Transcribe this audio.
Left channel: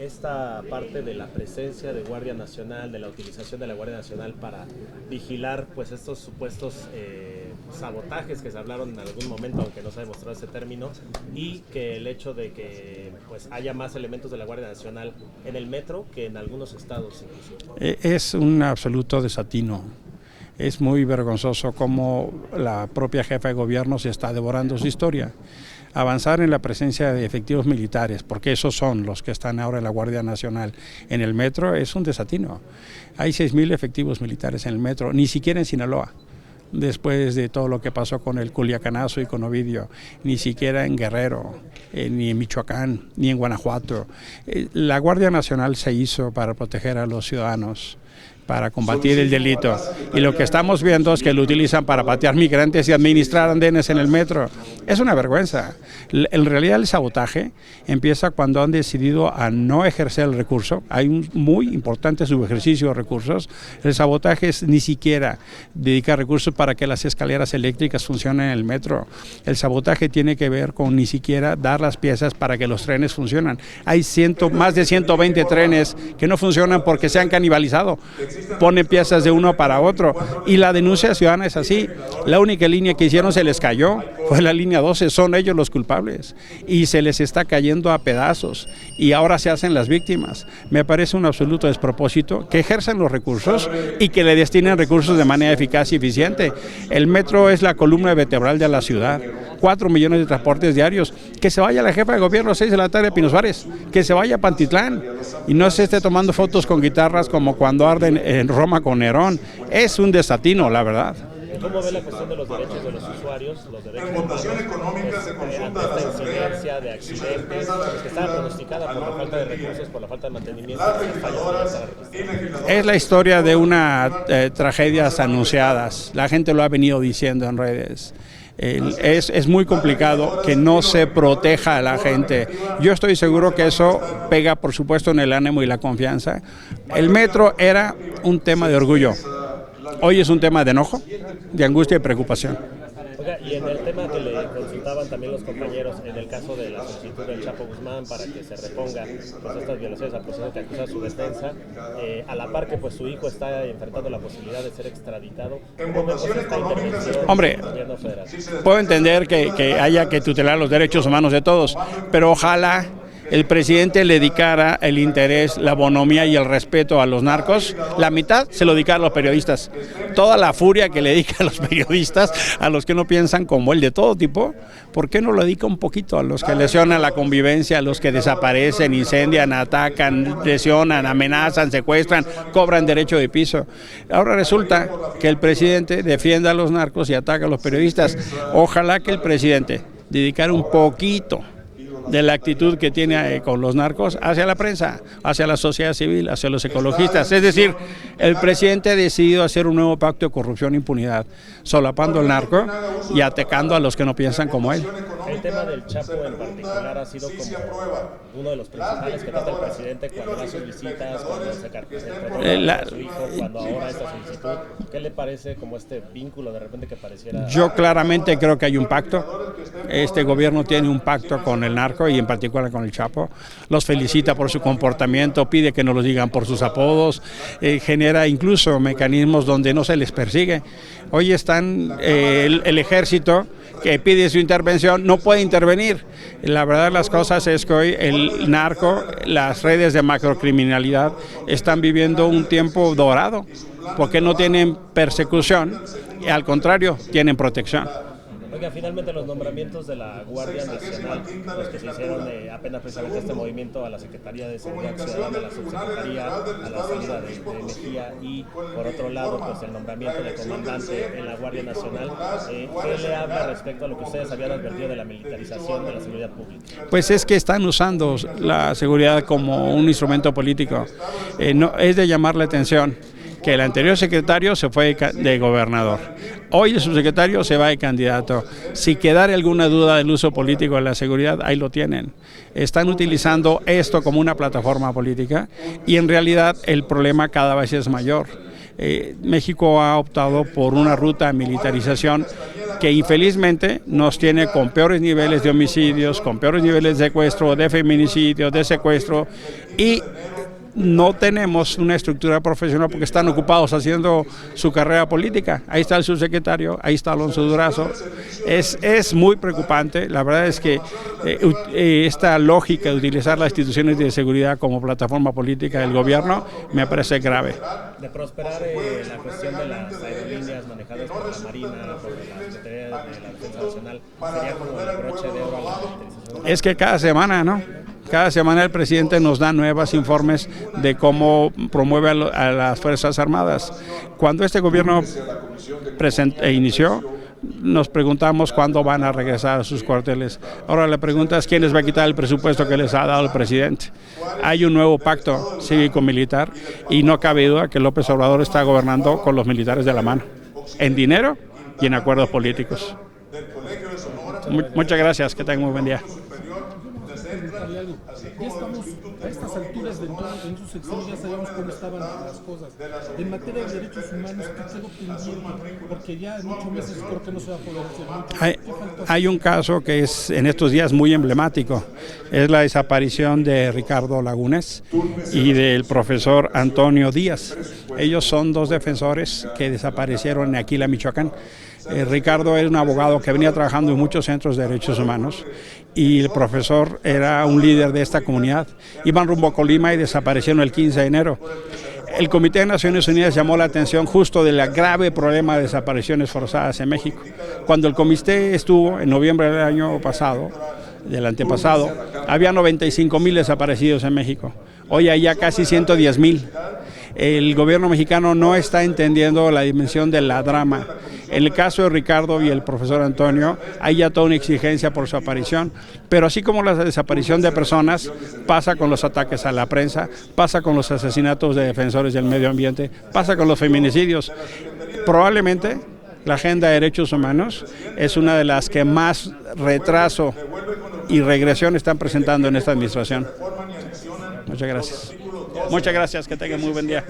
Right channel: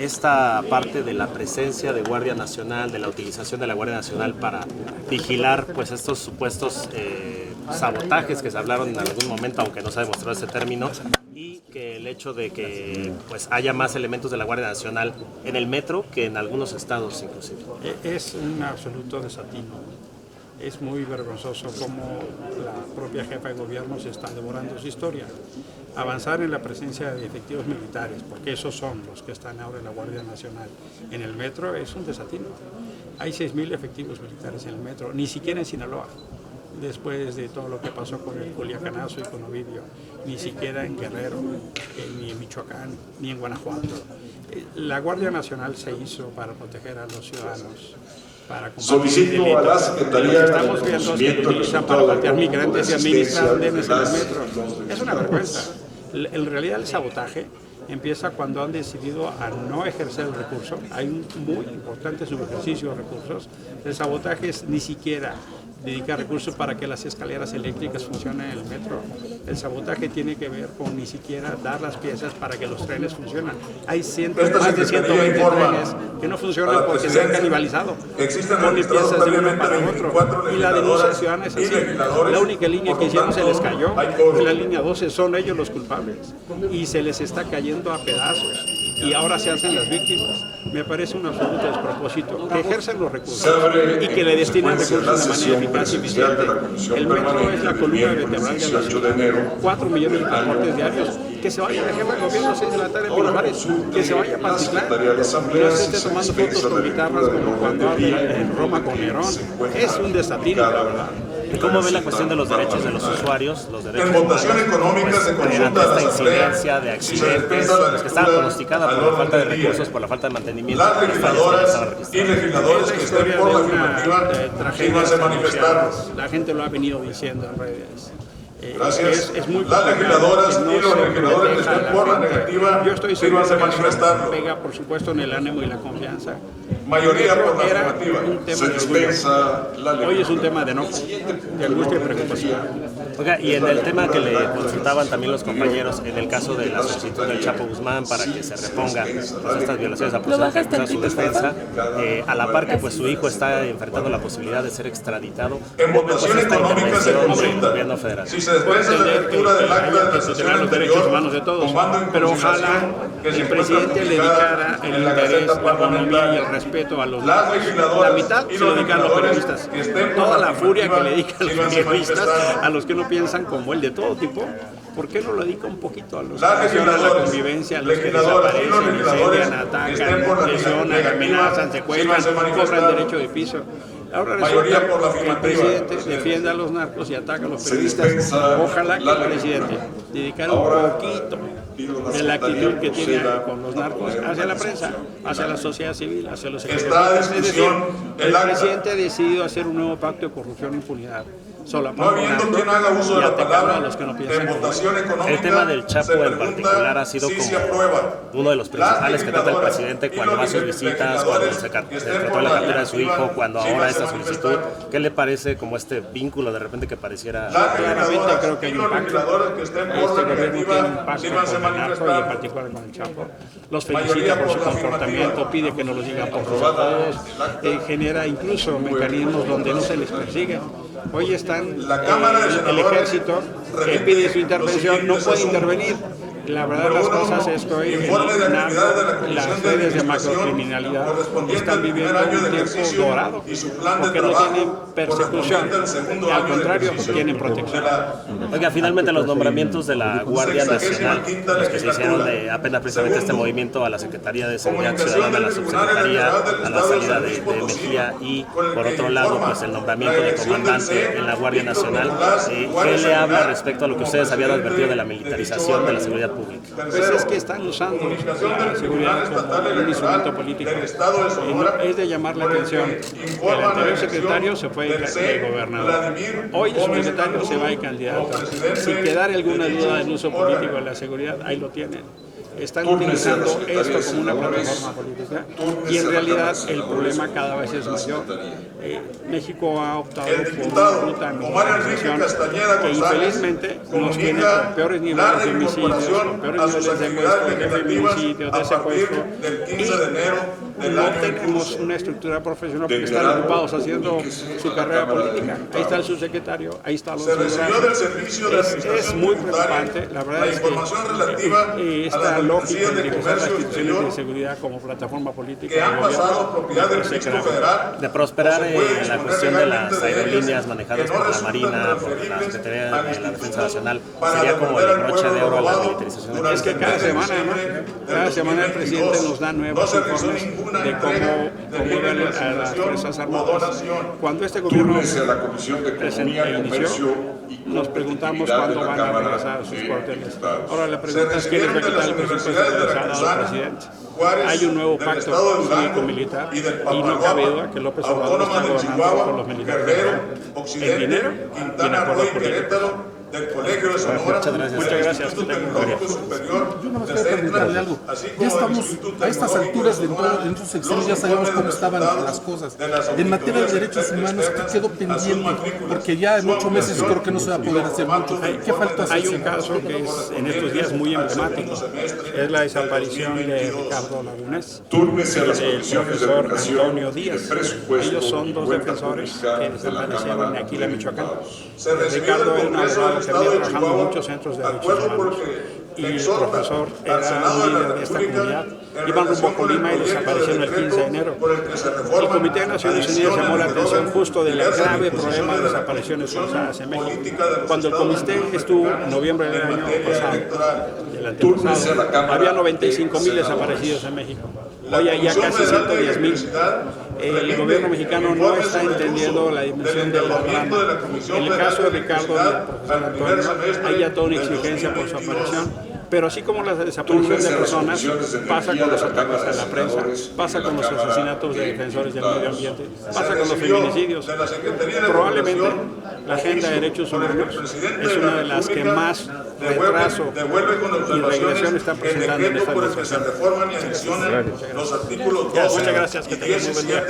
Esta parte de la presencia de Guardia Nacional, de la utilización de la Guardia Nacional para vigilar pues estos supuestos sabotajes que se hablaron en algún momento, aunque no se ha demostrado ese término, y que el hecho de que pues haya más elementos de la Guardia Nacional en el metro que en algunos estados inclusive. Es un absoluto desatino. Es muy vergonzoso cómo la propia jefa de gobierno se está devorando su historia. Avanzar en la presencia de efectivos militares, porque esos son los que están ahora en la Guardia Nacional en el metro, es un desatino. Hay 6,000 efectivos militares en el metro, ni siquiera en Sinaloa, después de todo lo que pasó con el Culiacanazo y con Ovidio, ni siquiera en Guerrero, ni en Michoacán, ni en Guanajuato. La Guardia Nacional se hizo para proteger a los ciudadanos, para combatir el delito. Y lo que estamos viendo es que lo utilizan para patear migrantes y administrar andenes en el metro. Es una vergüenza. En realidad el sabotaje empieza cuando han decidido a no ejercer el recurso. Hay un muy importante subejercicio de recursos. El sabotaje es ni siquiera dedicar recursos para que las escaleras eléctricas funcionen en el metro. El sabotaje tiene que ver con ni siquiera dar las piezas para que los trenes funcionen. Hay más de 120 trenes que no funcionan porque se han canibalizado. Ponen piezas de uno para otro. Y la denuncia ciudadana es así. La única línea que hicieron se les cayó, fue la línea 12. Son ellos los culpables. Y se les está cayendo a pedazos y ahora se hacen las víctimas. Me parece un absoluto despropósito que ejerzan los recursos y que le destinen recursos de manera eficaz y eficiente. El metro es la columna vertebral de la ciudad, 4 millones de transportes diarios. Que se vaya la jefa de gobierno a 6 de la tarde a Pinos Suárez, que se vaya a Pantitlán y no se esté tomando fotos con guitarras como cuando arden en Roma con Nerón. Es un desatino, la verdad. ¿Cómo ve la cuestión de los derechos de los usuarios, los derechos votación económica se consulta esta incidencia de accidentes, los que estaban pronosticados por la falta de recursos, por la falta de mantenimiento? Es la historia de una tragedias anunciadas. La gente lo ha venido diciendo en redes. Es muy complicado que no se proteja a la gente. Yo estoy seguro que eso pega, por supuesto, en el ánimo y la confianza. El metro era un tema de orgullo. Hoy es un tema de enojo, de angustia y preocupación. Oiga, y en el tema que le consultaban también los compañeros, en el caso de la solicitud del Chapo Guzmán para que se reponga pues, estas violaciones a su defensa, a la par que pues su hijo está enfrentando la posibilidad de ser extraditado. Hombre, puedo entender que haya que tutelar los derechos humanos de todos, pero ojalá el presidente le dedicara el interés, la bonomía y el respeto a los narcos. La mitad se lo dedicara a los periodistas. Toda la furia que le dedica a los periodistas, a los que no piensan como él, de todo tipo, ¿por qué no lo dedica un poquito a los que lesionan la convivencia, a los que desaparecen, incendian, atacan, lesionan, amenazan, secuestran, cobran derecho de piso? Ahora resulta que el presidente defiende a los narcos y ataca a los periodistas. Ojalá que el presidente dedicara un poquito de la actitud que tiene con los narcos hacia la prensa, hacia la sociedad civil, hacia los ecologistas. Es decir, el presidente ha decidido hacer un nuevo pacto de corrupción e impunidad, solapando el narco y atacando a los que no piensan como él. El tema del Chapo en particular ha sido como uno de los principales que trata el presidente cuando va a sus visitas, cuando se trató la vida de su hijo, cuando ahora esta solicitud. ¿Qué le parece como este vínculo de repente que pareciera? Yo claramente creo que hay un pacto. Este gobierno tiene un pacto con el narco y en particular con el Chapo. Los felicita por su comportamiento, pide que no los digan por sus apodos, genera incluso mecanismos donde no se les persigue. Hoy están el ejército que pide su intervención, no puede intervenir. La verdad de las cosas es que hoy el narco, las redes de macrocriminalidad están viviendo un tiempo dorado, porque no tienen persecución, y al contrario, tienen protección. Oiga, finalmente los nombramientos de la Guardia Nacional, los que se hicieron de apenas precisamente este movimiento a la Secretaría de Seguridad Ciudadana, a la Subsecretaría, a la salida de Mejía y por otro lado pues el nombramiento de comandante en la Guardia Nacional, ¿qué le habla respecto a lo que ustedes habían advertido de la militarización de la seguridad pública? Pues es que están usando la seguridad como un instrumento político. Es de llamar la atención que el anterior secretario se fue de gobernador. Hoy el subsecretario se va de candidato. Si quedara alguna duda del uso político de la seguridad, ahí lo tienen. Están utilizando esto como una plataforma política y en realidad el problema cada vez es mayor. México ha optado por una ruta de militarización que infelizmente nos tiene con peores niveles de homicidios, con peores niveles de secuestro, de feminicidio, de secuestro, y no tenemos una estructura profesional porque están ocupados haciendo su carrera política. Ahí está el subsecretario, ahí está Alonso Durazo. Es muy preocupante. La verdad es que esta lógica de utilizar las instituciones de seguridad como plataforma política del gobierno me parece grave. De prosperar la cuestión de las aerolíneas manejadas por la Marina, por la Secretaría de la Defensa Nacional, sería como el broche de oro a la militarización. Es que cada semana, ¿no? Cada semana el presidente nos da nuevos informes de cómo promueve a las Fuerzas Armadas. Cuando este gobierno inició, nos preguntamos cuándo van a regresar a sus cuarteles. Ahora la pregunta es quién les va a quitar el presupuesto que les ha dado el presidente. Hay un nuevo pacto cívico-militar y no cabe duda que López Obrador está gobernando con los militares de la mano, en dinero y en acuerdos políticos. Muchas gracias, que tengan un buen día. Yo nada más quiero preguntarle algo. Ya estamos a estas alturas de todo, en sus secciones ya sabemos cómo estaban las cosas. En materia de derechos humanos, ¿qué quedó pendiente? Porque ya en 8 meses creo que no se va a poder hacer mucho. ¿Qué falta hacer? Hay un caso que es en estos días muy emblemático. Es la desaparición de Ricardo Lagunes y del profesor Antonio Díaz. Ellos son 2 defensores que desaparecieron en Aquila, Michoacán. Ricardo era un abogado que venía trabajando en muchos centros de derechos humanos y el profesor era un líder de esta comunidad. Iban rumbo a Colima y desaparecieron el 15 de enero. El Comité de Naciones Unidas llamó la atención justo del grave problema de desapariciones forzadas en México. Cuando el comité estuvo en noviembre del año pasado, del antepasado, había 95,000 desaparecidos en México. Hoy hay ya casi 110,000. El gobierno mexicano no está entendiendo la dimensión de la drama. En el caso de Ricardo y el profesor Antonio, hay ya toda una exigencia por su aparición. Pero así como la desaparición de personas, pasa con los ataques a la prensa, pasa con los asesinatos de defensores del medio ambiente, pasa con los feminicidios. Probablemente la agenda de derechos humanos es una de las que más retraso y regresión están presentando en esta administración. Muchas gracias. Muchas gracias, que tengan muy buen día.